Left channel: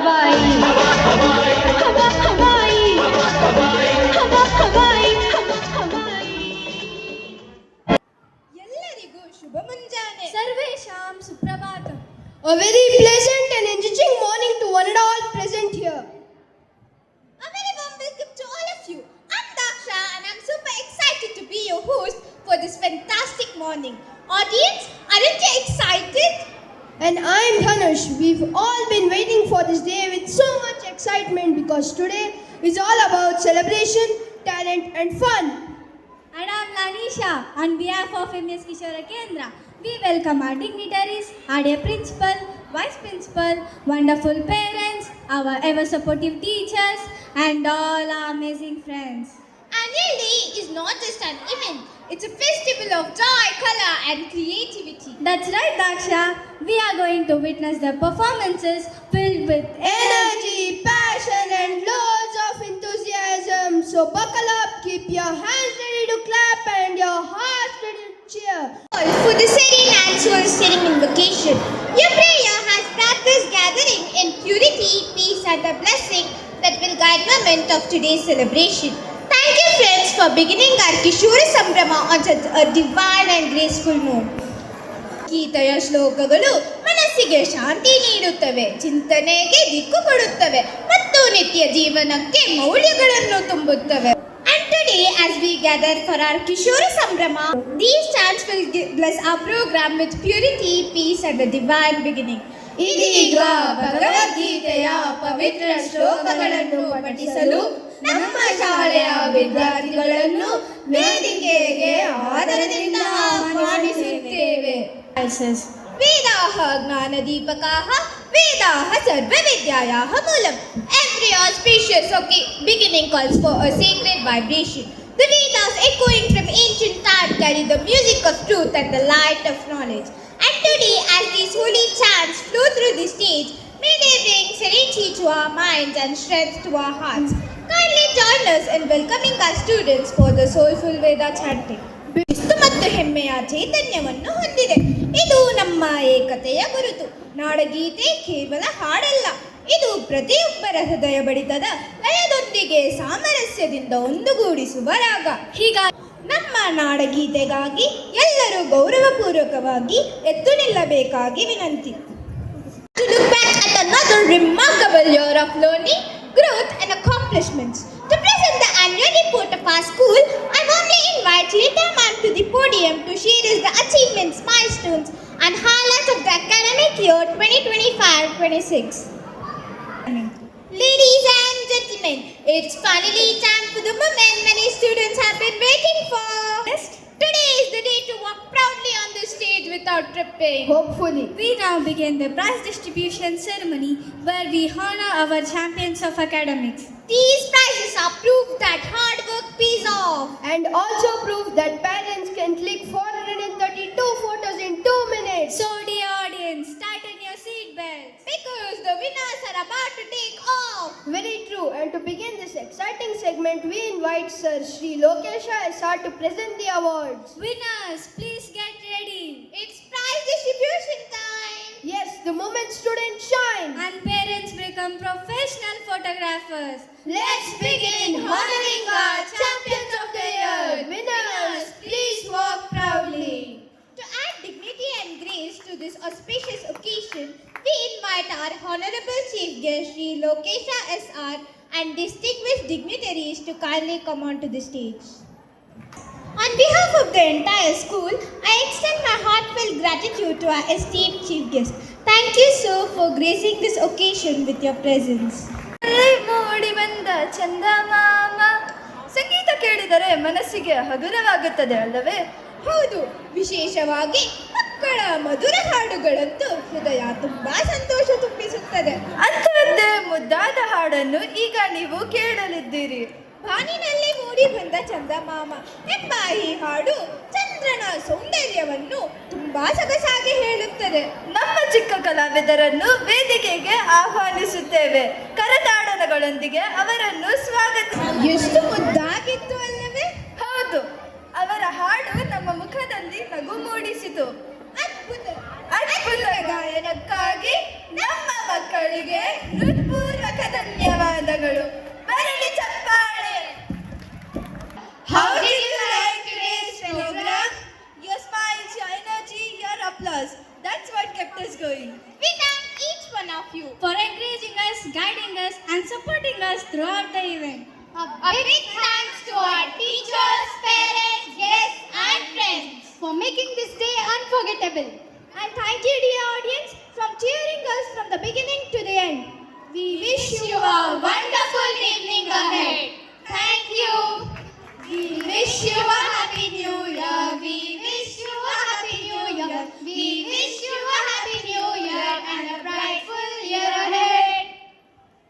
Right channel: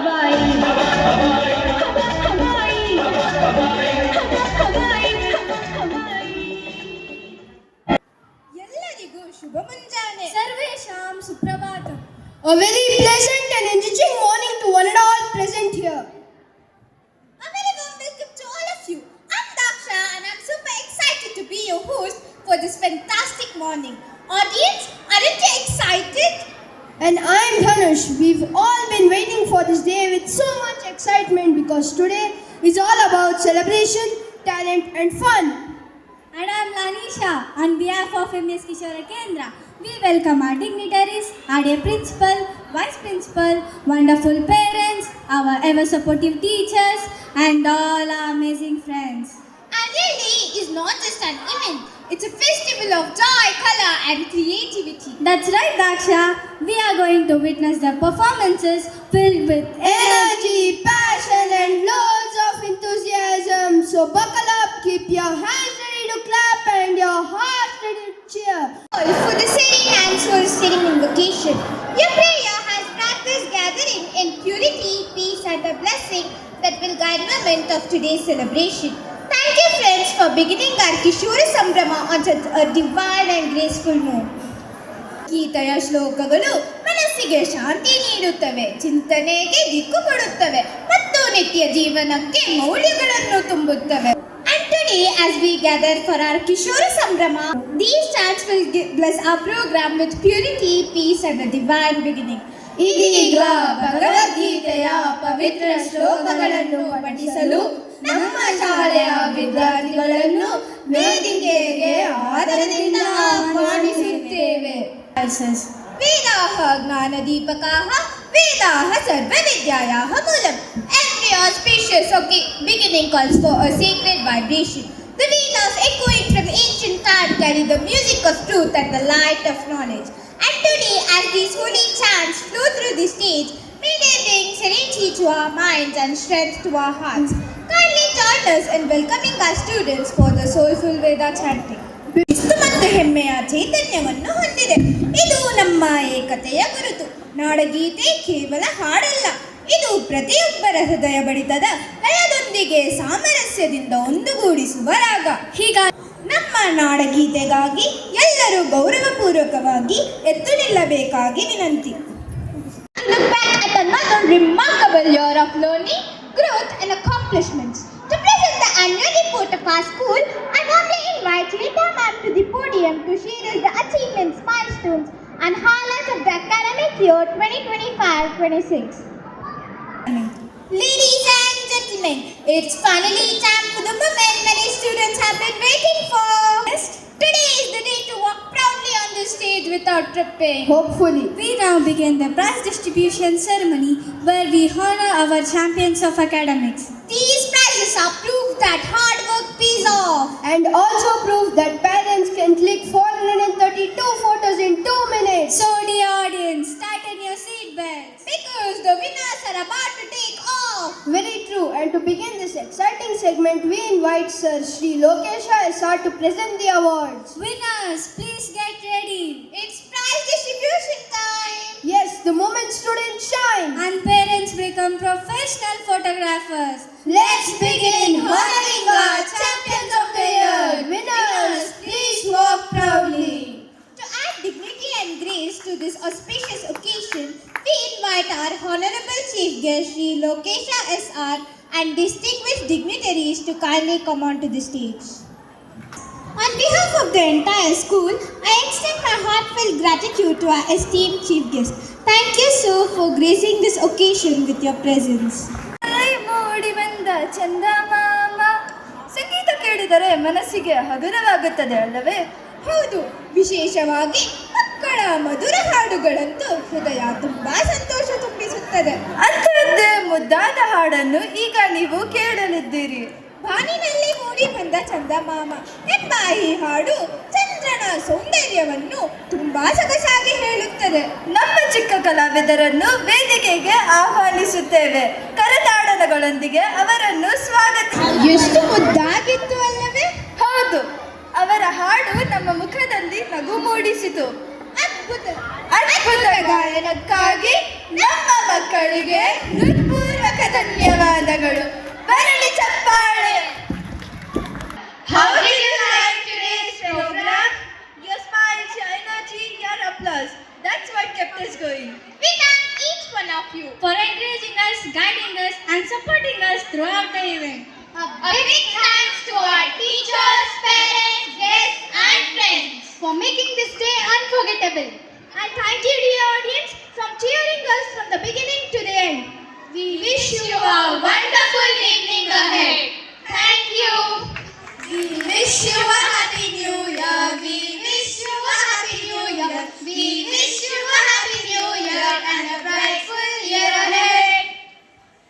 Hawaii Hawaii Hawaii Hawaii. ಎಲ್ಲರಿಗೂ ಶುಭ ಮುಂಜಾನೆ. ಸರ್ವೇಷಾಂ Suprabhatam. A very pleasant and enriching morning to one and all present here. A very warm welcome to all of you. I'm Daksha and I'm super excited to be your host for this fantastic morning. Audience, aren't you excited? And I'm Dhanush. We've all been waiting for this day with so much excitement because today is all about celebration, talent and fun. And I'm Lanisha. On behalf of MS Kishora Kendra, we welcome our dignitaries, our dear principal, vice principal, wonderful parents, our ever supportive teachers, and all our amazing friends. Annual Day is not just an event, it's a festival of joy, color and creativity. That's right, Daksha. We are going to witness the performances filled with Energy, passion and loads of enthusiasm. So buckle up, keep your hands ready to clap and your hearts ready to cheer. For the serene and soul-stirring invocation, your prayer has brought this gathering in purity, peace and the blessing that will guide the moment of today's celebration. Thank you friends for beginning our Kishora Sambrama on such a divine and graceful note. ಗೀತೆಯ ಶ್ಲೋಕಗಳು ಮನಸ್ಸಿಗೆ ಶಾಂತಿ ನೀಡುತ್ತವೆ, ಚಿಂತನೆಗೆ ದಿಕ್ಕು ಕೊಡುತ್ತವೆ ಮತ್ತು ನಿತ್ಯ ಜೀವನಕ್ಕೆ ಮೌಲ್ಯಗಳನ್ನು ತುಂಬುತ್ತವೆ. And today as we gather for our Kishora Sambrama, these chants will bless our program with purity, peace and a divine beginning. ಇದೀಗ ಭಗವದ್ಗೀತೆಯ ಪವಿತ್ರ ಶ್ಲೋಕಗಳನ್ನು ಪಠಿಸಲು ನಮ್ಮ ಶಾಲೆಯ ವಿದ್ಯಾರ್ಥಿಗಳನ್ನು ವೇದಿಕೆಗೆ ಆದರದಿಂದ ಆಹ್ವಾನಿಸುತ್ತೇವೆ. ವೇದಾಃ ಜ್ಞಾನದೀಪಕಾಃ ವೇದಾಃ ಸರ್ವವಿದ್ಯಾಯಾಃ ಮೂಲಂ. Every auspicious beginning calls for a sacred vibration. The Vedas echoing from ancient time carry the music of truth and the light of knowledge. And today, as these holy chants flow through the stage, may they bring serenity to our minds and strength to our hearts. Kindly join us in welcoming our students for the soulful Veda chanting. ಶಿಸ್ತು ಮತ್ತು ಹೆಮ್ಮೆಯ ಚೈತನ್ಯವನ್ನು ಹೊಂದಿದೆ. ಇದು ನಮ್ಮ ಏಕತೆಯ ಗುರುತು. ನಾಡಗೀತೆ ಕೇವಲ ಹಾಡಲ್ಲ, ಇದು ಪ್ರತಿಯೊಬ್ಬರ ಹೃದಯ ಬಡಿತದ ಲಯದೊಂದಿಗೆ ಸಾಮರಸ್ಯದಿಂದ ಒಂದುಗೂಡಿಸುವ ರಾಗ. ಹೀಗಾಗಿ ನಮ್ಮ ನಾಡಗೀತೆಗಾಗಿ ಎಲ್ಲರೂ ಗೌರವಪೂರ್ವಕವಾಗಿ ಎದ್ದು ನಿಲ್ಲಬೇಕಾಗಿ ವಿನಂತಿ. To look back at another remarkable year of learning, growth and accomplishments. To present the annual report of our school, I warmly invite Lita ma'am to the podium to share the achievements, milestones and highlights of the academic year 2025-26. Ladies and gentlemen, it's finally time for the moment many students have been waiting for. Today is the day to walk proudly on the stage without tripping. Hopefully. We now begin the prize distribution ceremony where we honor our champions of academics. These prizes are proof that hard work pays off. And also prove that parents can click 432 photos in 2 minutes. So dear audience, tighten your seat belts. Because the winners are about to take off. Very true. And to begin this exciting segment, we invite Sir Sri Lokesha SR to present the awards. Winners, please get ready. It's prize distribution time. Yes, the moment students shine. And parents become professional photographers. Let's begin honoring our champions of the year. Winners, please walk proudly. To add dignity and grace to this auspicious occasion, we invite our Honorable Chief Guest Sri Lokesha SR and distinguished dignitaries to kindly come onto the stage. On behalf of the entire school, I extend my heartfelt gratitude to our esteemed Chief Guest. Thank you, sir, for gracing this occasion with your presence. ಮೂಡಿ ಬಂದ ಚಂದಮಾಮ ಸಂಗೀತ ಕೇಳಿದರೆ ಮನಸ್ಸಿಗೆ ಹಗುರವಾಗುತ್ತದೆ ಅಲ್ಲವೇ? ಹೌದು, ವಿಶೇಷವಾಗಿ ಮಕ್ಕಳ ಮಧುರ ಹಾಡುಗಳಂತೂ ಹೃದಯ ತುಂಬಾ ಸಂತೋಷ ತುಂಬಿಸುತ್ತದೆ. ಅಂಥದ್ದೇ ಮುದ್ದಾದ ಹಾಡನ್ನು ಈಗ ನೀವು ಕೇಳಲಿದ್ದೀರಿ. ಬಾನಿನಲ್ಲಿ ಮೂಡಿ ಬಂದ ಚಂದಮಾಮ ಎಂಬ ಈ ಹಾಡು ಚಂದ್ರನ ಸೌಂದರ್ಯವನ್ನು ತುಂಬಾ ಸೊಗಸಾಗಿ ಹೇಳುತ್ತದೆ. ನಮ್ಮ ಚಿಕ್ಕ ಕಲಾವಿದರನ್ನು ವೇದಿಕೆಗೆ ಆಹ್ವಾನಿಸುತ್ತೇವೆ. ಕರತಾಡನಗಳೊಂದಿಗೆ ಅವರನ್ನು ಎಷ್ಟು ಮುದ್ದಾಗಿತ್ತು ಅಲ್ಲವೇ? ಹೌದು, ಅವರ ಹಾಡು ನಮ್ಮ ಮುಖದಲ್ಲಿ ನಗು ಮೂಡಿಸಿತು. ಅದ್ಭುತ ಅದ್ಭುತ ಗಾಯನಕ್ಕಾಗಿ ನಮ್ಮ ಮಕ್ಕಳಿಗೆ ಧನ್ಯವಾದಗಳು. ಬರಲಿ ಚಪ್ಪಾಳೆ. How did you like today's program? Your smiles, your energy, your applause. That's what kept us going. We thank each one of you. For encouraging us, guiding us, and supporting us throughout the event. A big thanks to our teachers, parents, guests, and friends For making this day unforgettable. And thank you,